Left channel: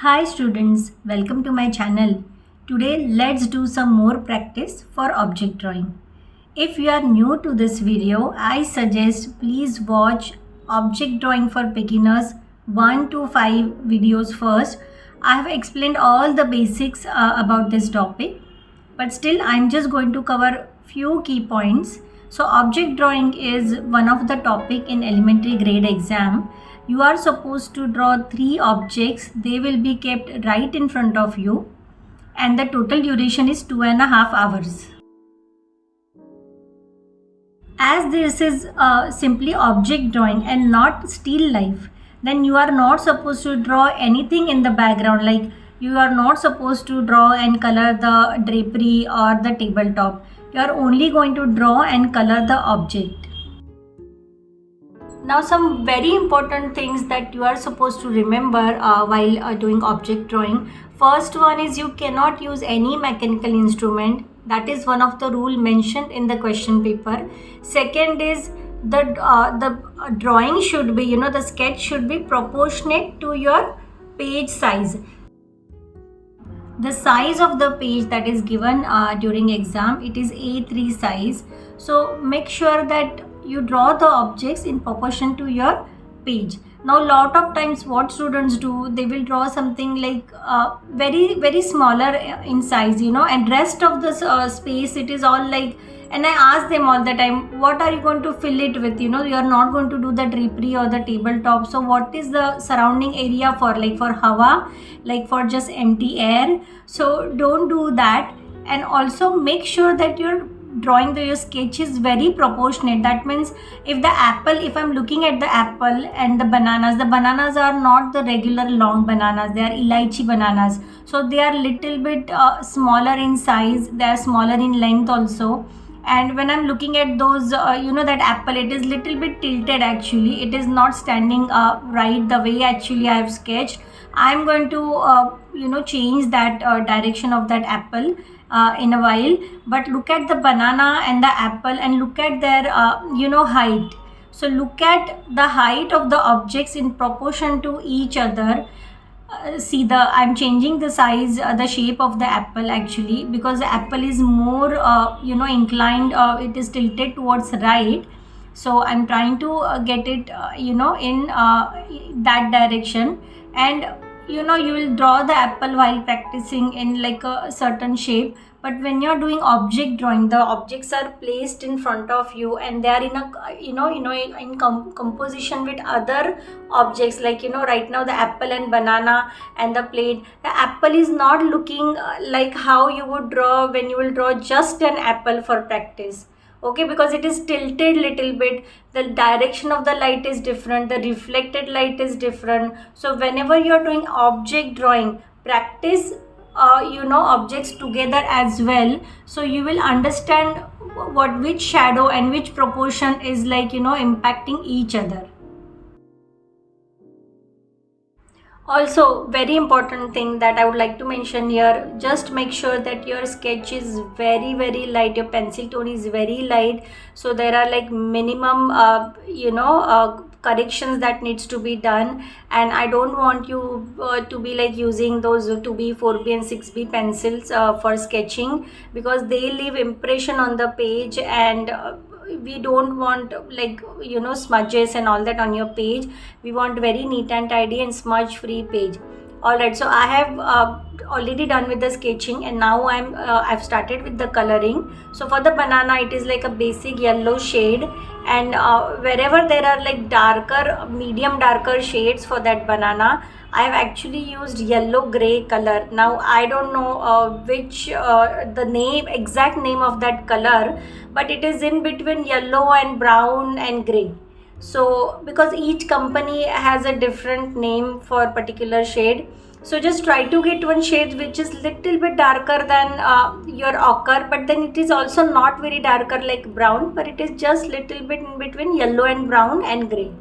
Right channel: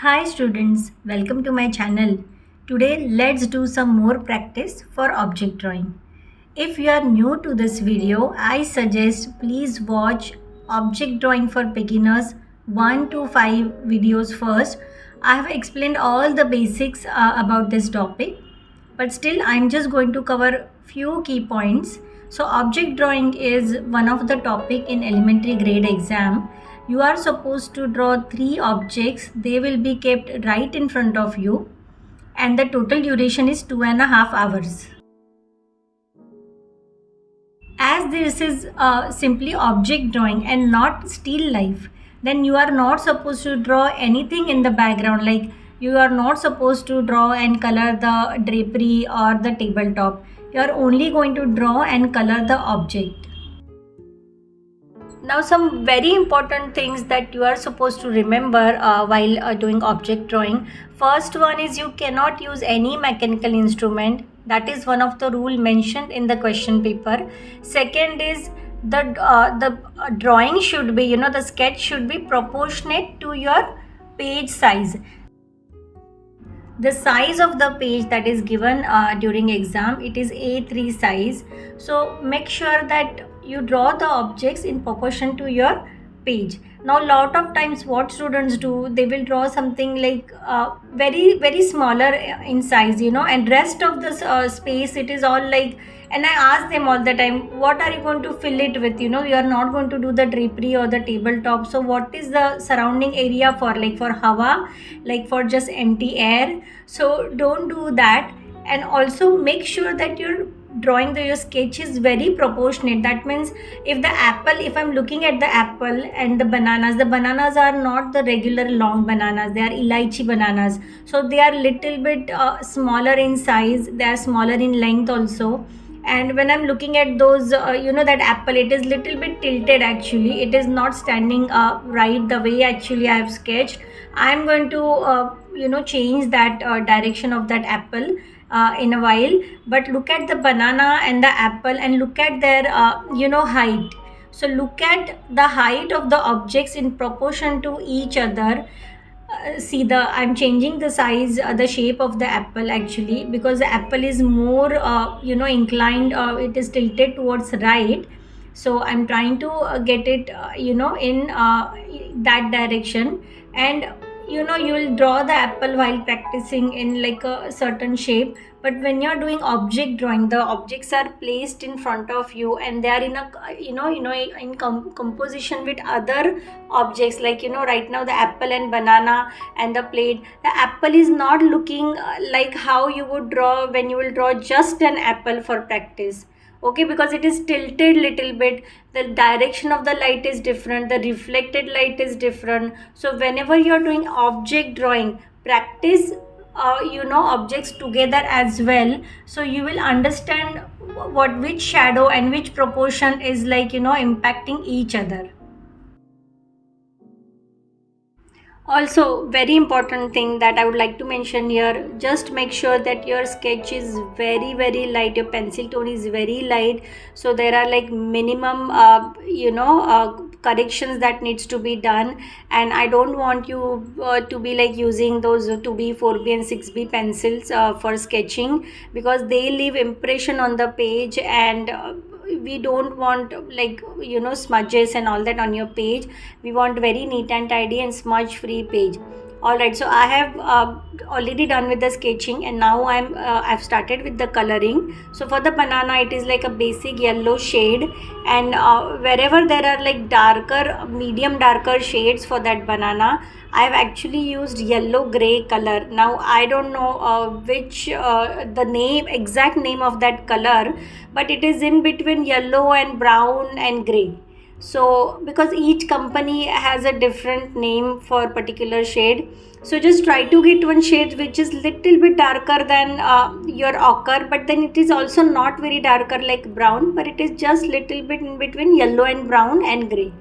Hi students, welcome to my channel. Today let's do some more practice for object drawing. If you are new to this video, I suggest please watch object drawing for beginners 1 to 5 videos first. I have explained all the basics about this topic, but still I'm just going to cover few key points. So object drawing is one of the topic in elementary grade exam. You are supposed to draw 3 objects. They will be kept right in front of you and the total duration is 2.5 hours. As this is simply object drawing and not still life, then you are not supposed to draw anything in the background, like you are not supposed to draw and color the drapery or the tabletop. You are only going to draw and color the object. Now some very important things that you are supposed to remember while doing object drawing. First one is you cannot use any mechanical instrument. That is one of the rule mentioned in the question paper. Second is the drawing should be, the sketch should be proportionate to your page size. The size of the page that is given during exam, it is A3 size. So make sure that you draw the objects in proportion to your page. Now lot of times what students do, they will draw something like very smaller in size, and rest of the space it is all like, and I ask them all the time, what are you going to fill it with? You are not going to do the drapery or the tabletop, so what is the surrounding area for, like for hawa, like for just empty air? So don't do that. And also make sure that your drawing, your sketch is very proportionate. That means if the apple, if I'm looking at the apple and the bananas are not the regular long bananas, they are elaichi bananas, so they are little bit smaller in size, they are smaller in length also. And when I'm looking at those that apple, it is little bit tilted, actually it is not standing right the way actually I have sketched. I'm going to change that direction of that apple in a while. But look at the banana and the apple and look at their height. So look at the height of the objects in proportion to each other. See, I'm changing the size, the shape of the apple actually, because the apple is more inclined, it is tilted towards right. So I'm trying to get it in that direction. And you will draw the apple while practicing in like a certain shape. But when you're doing object drawing, the objects are placed in front of you and they are in a in composition with other objects, like right now the apple and banana and the plate. The apple is not looking like how you would draw when you will draw just an apple for practice. Okay, because it is tilted little bit, the direction of the light is different, the reflected light is different. So whenever you're doing object drawing, practice objects together as well, so you will understand which shadow and which proportion is like impacting each other. Also, very important thing that I would like to mention here, just make sure that your sketch is very light, your pencil tone is very light. So there are like minimum corrections that needs to be done, and I don't want you to be like using those 2B, 4B and 6B pencils for sketching, because they leave impression on the page, and we don't want like smudges and all that on your page. We want very neat and tidy and smudge free page. Alright, so I have already done with the sketching, and now I've started with the coloring. So for the banana, it is like a basic yellow shade, and wherever there are like darker, medium darker shades for that banana, I've actually used yellow gray color. Now I don't know which the exact name of that color, but it is in between yellow and brown and gray. So because each company has a different name for particular shade, so just try to get one shade which is little bit darker than your ochre, but then it is also not very darker like brown, but it is just little bit in between yellow and brown and gray.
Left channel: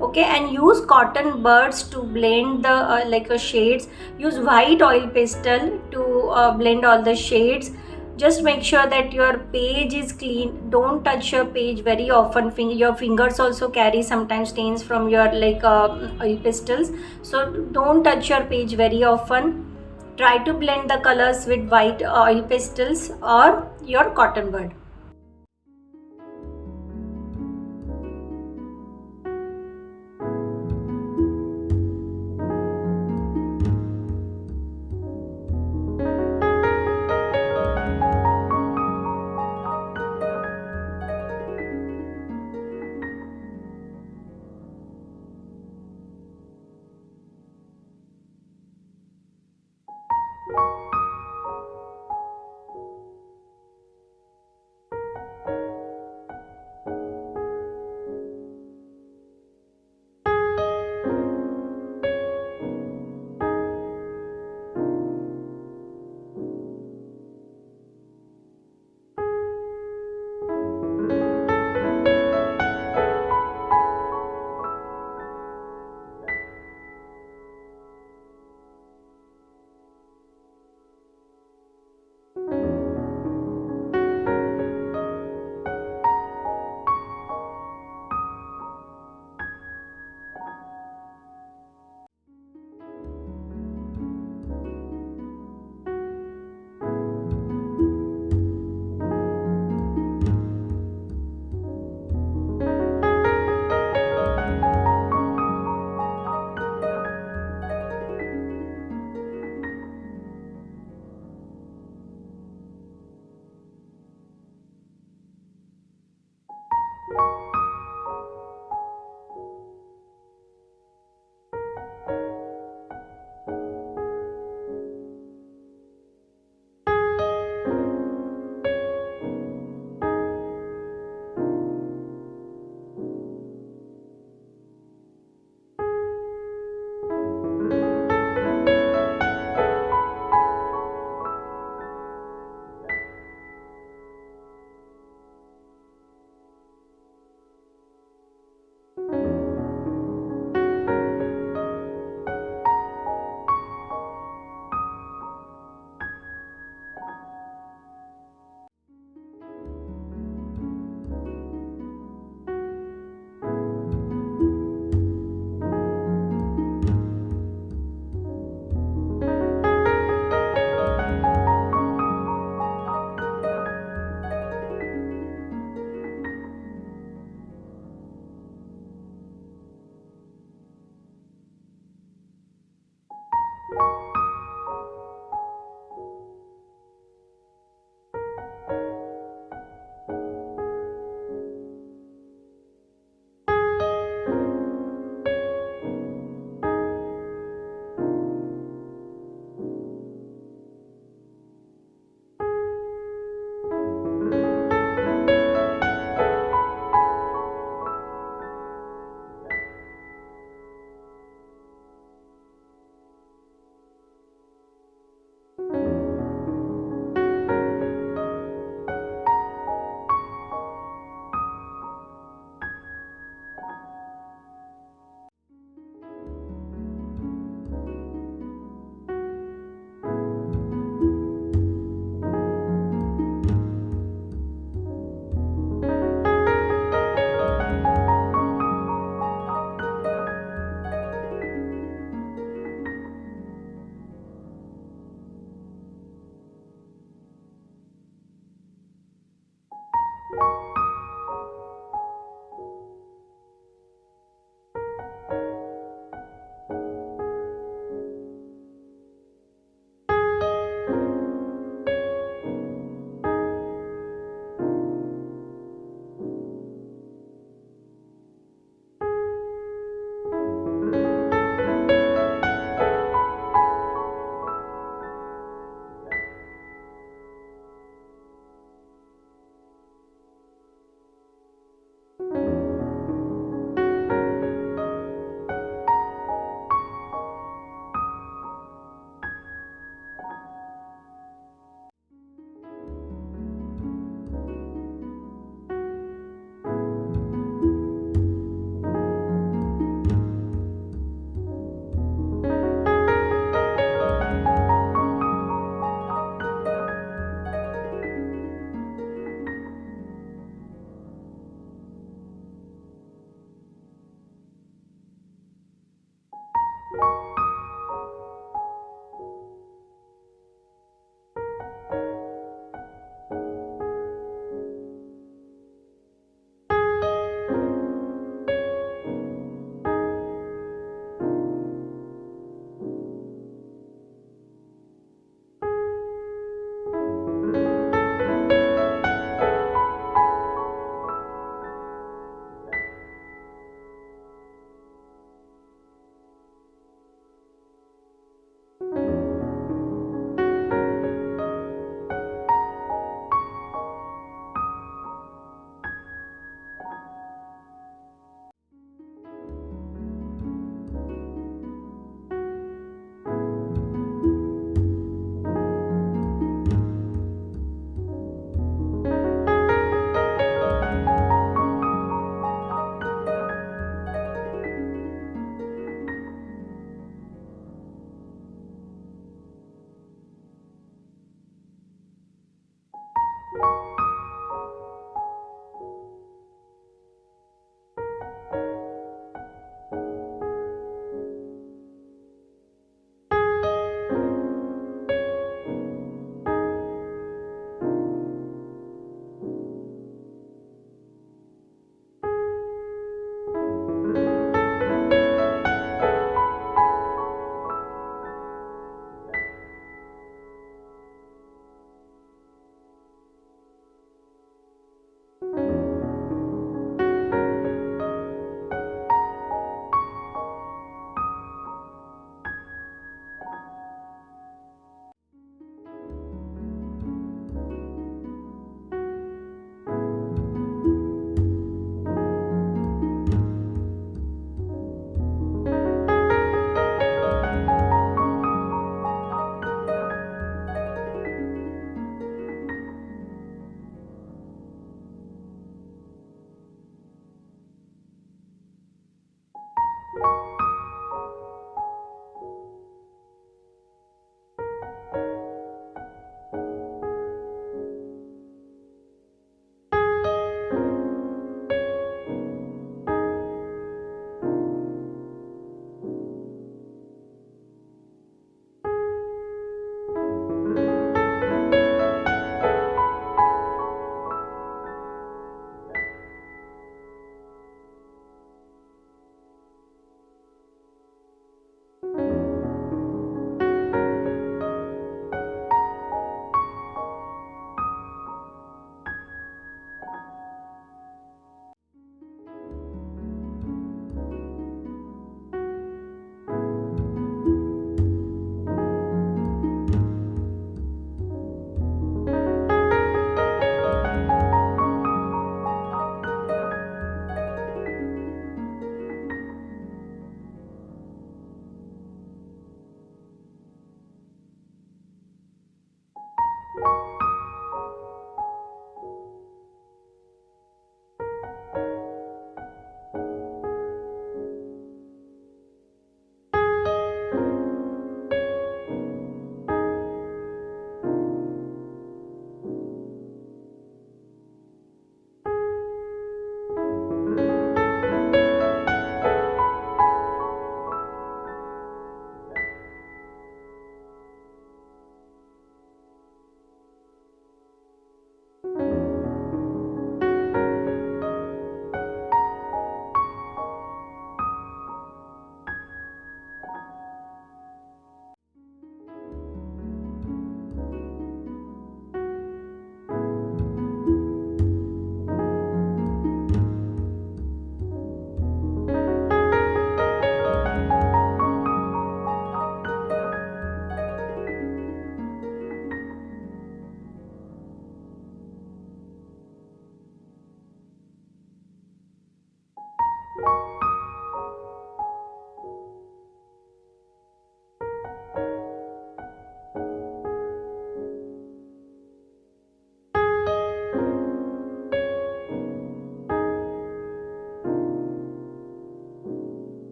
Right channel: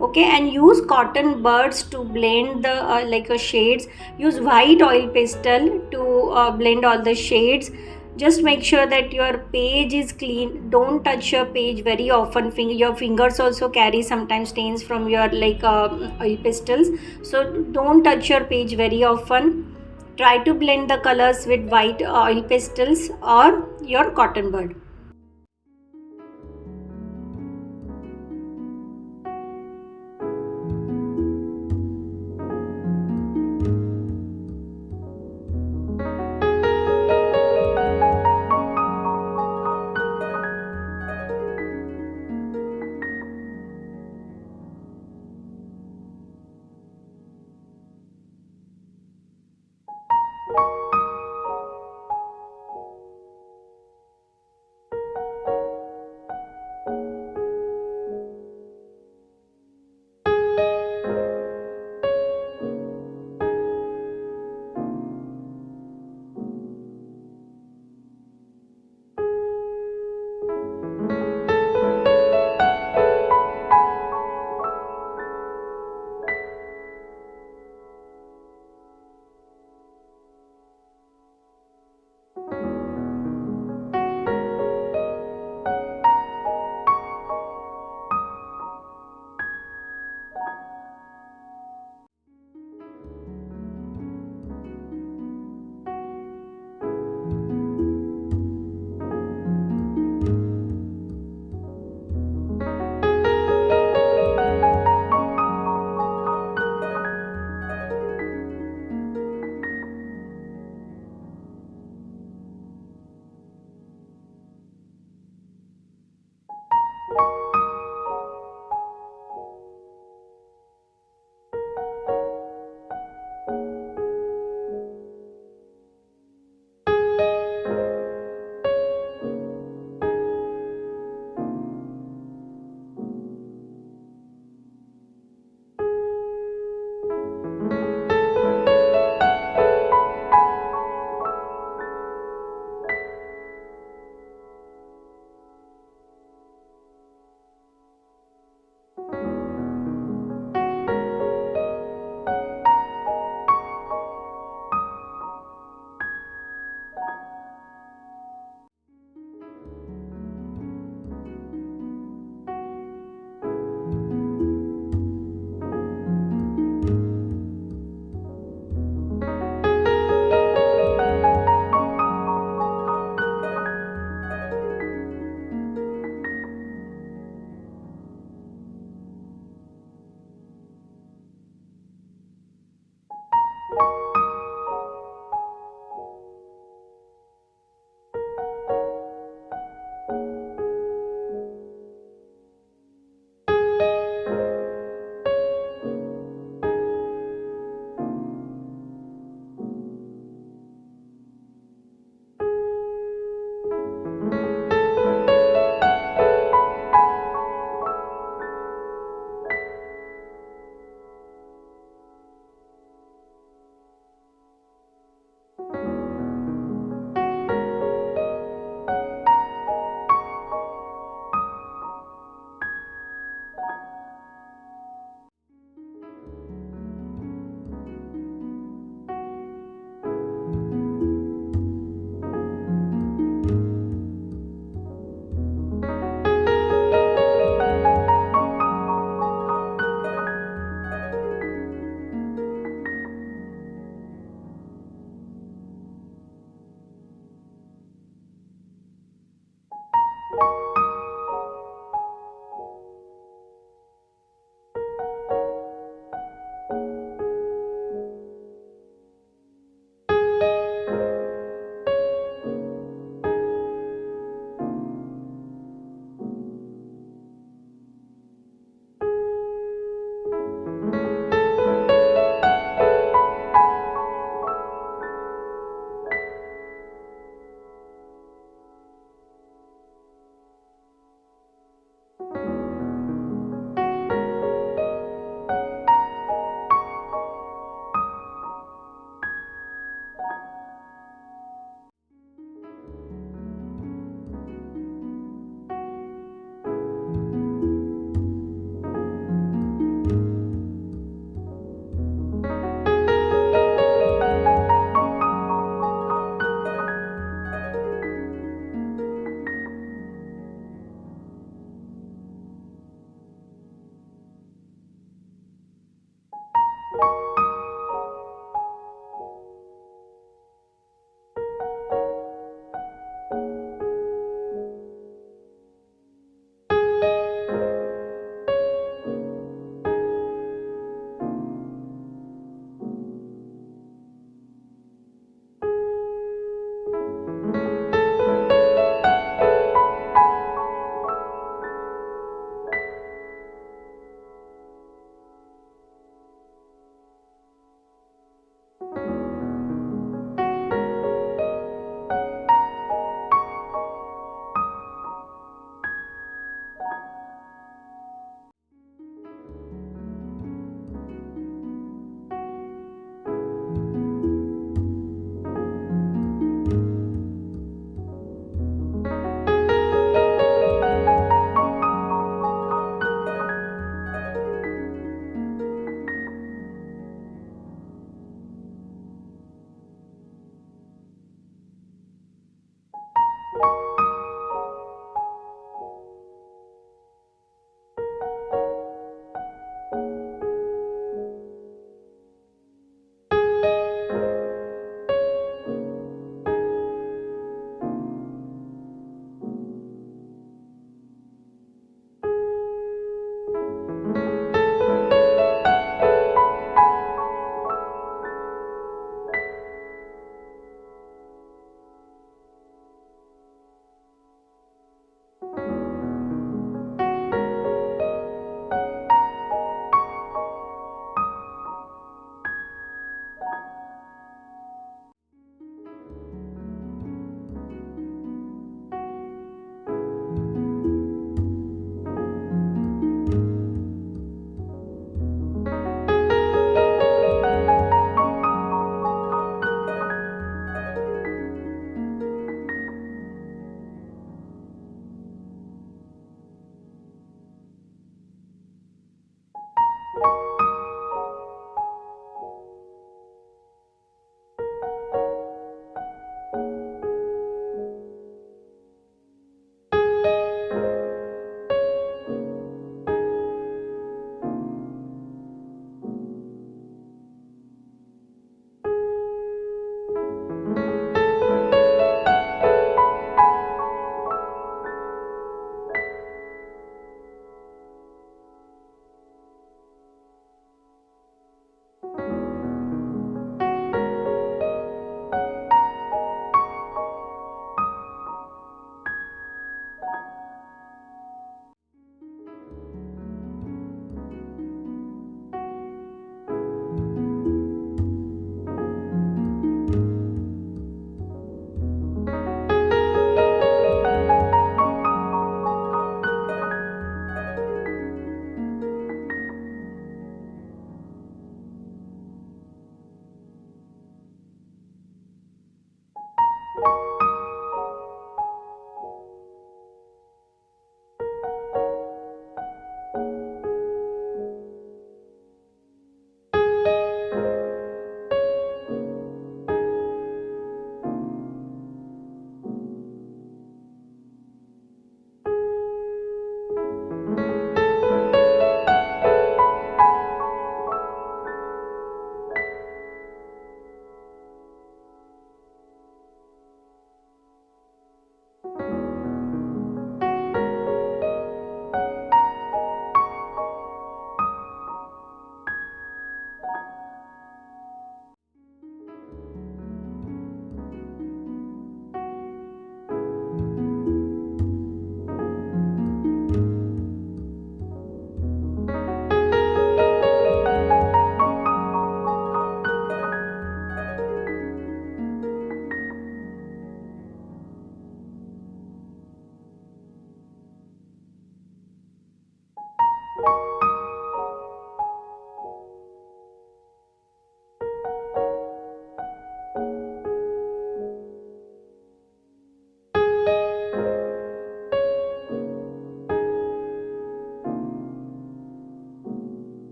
Okay, and use cotton buds to blend the shades. Use white oil pastel to blend all the shades. Just make sure that your page is clean. Don't touch your page very often. Your fingers also carry sometimes stains from your oil pastels, so don't touch your page very often. Try to blend the colors with white oil pastels or your cotton bud.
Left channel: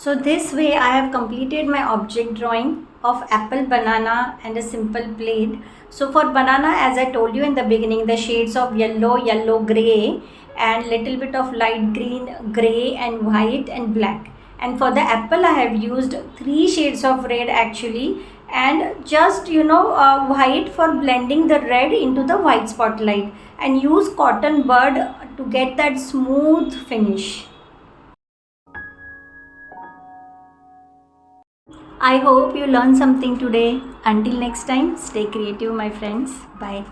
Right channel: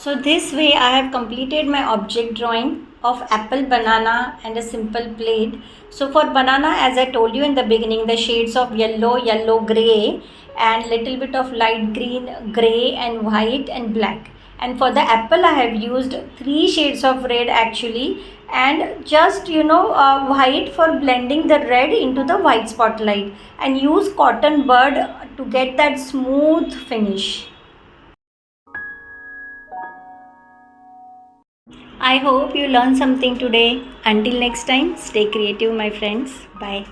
So this way I have completed my object drawing of apple, banana and a simple plate. So for banana, as I told you in the beginning, the shades of yellow, yellow gray and little bit of light green, gray and white and black. And for the apple I have used 3 shades of red actually, and just white for blending the red into the white spotlight, and use cotton bud to get that smooth finish. I hope you learned something today. Until next time, stay creative, my friends. Bye.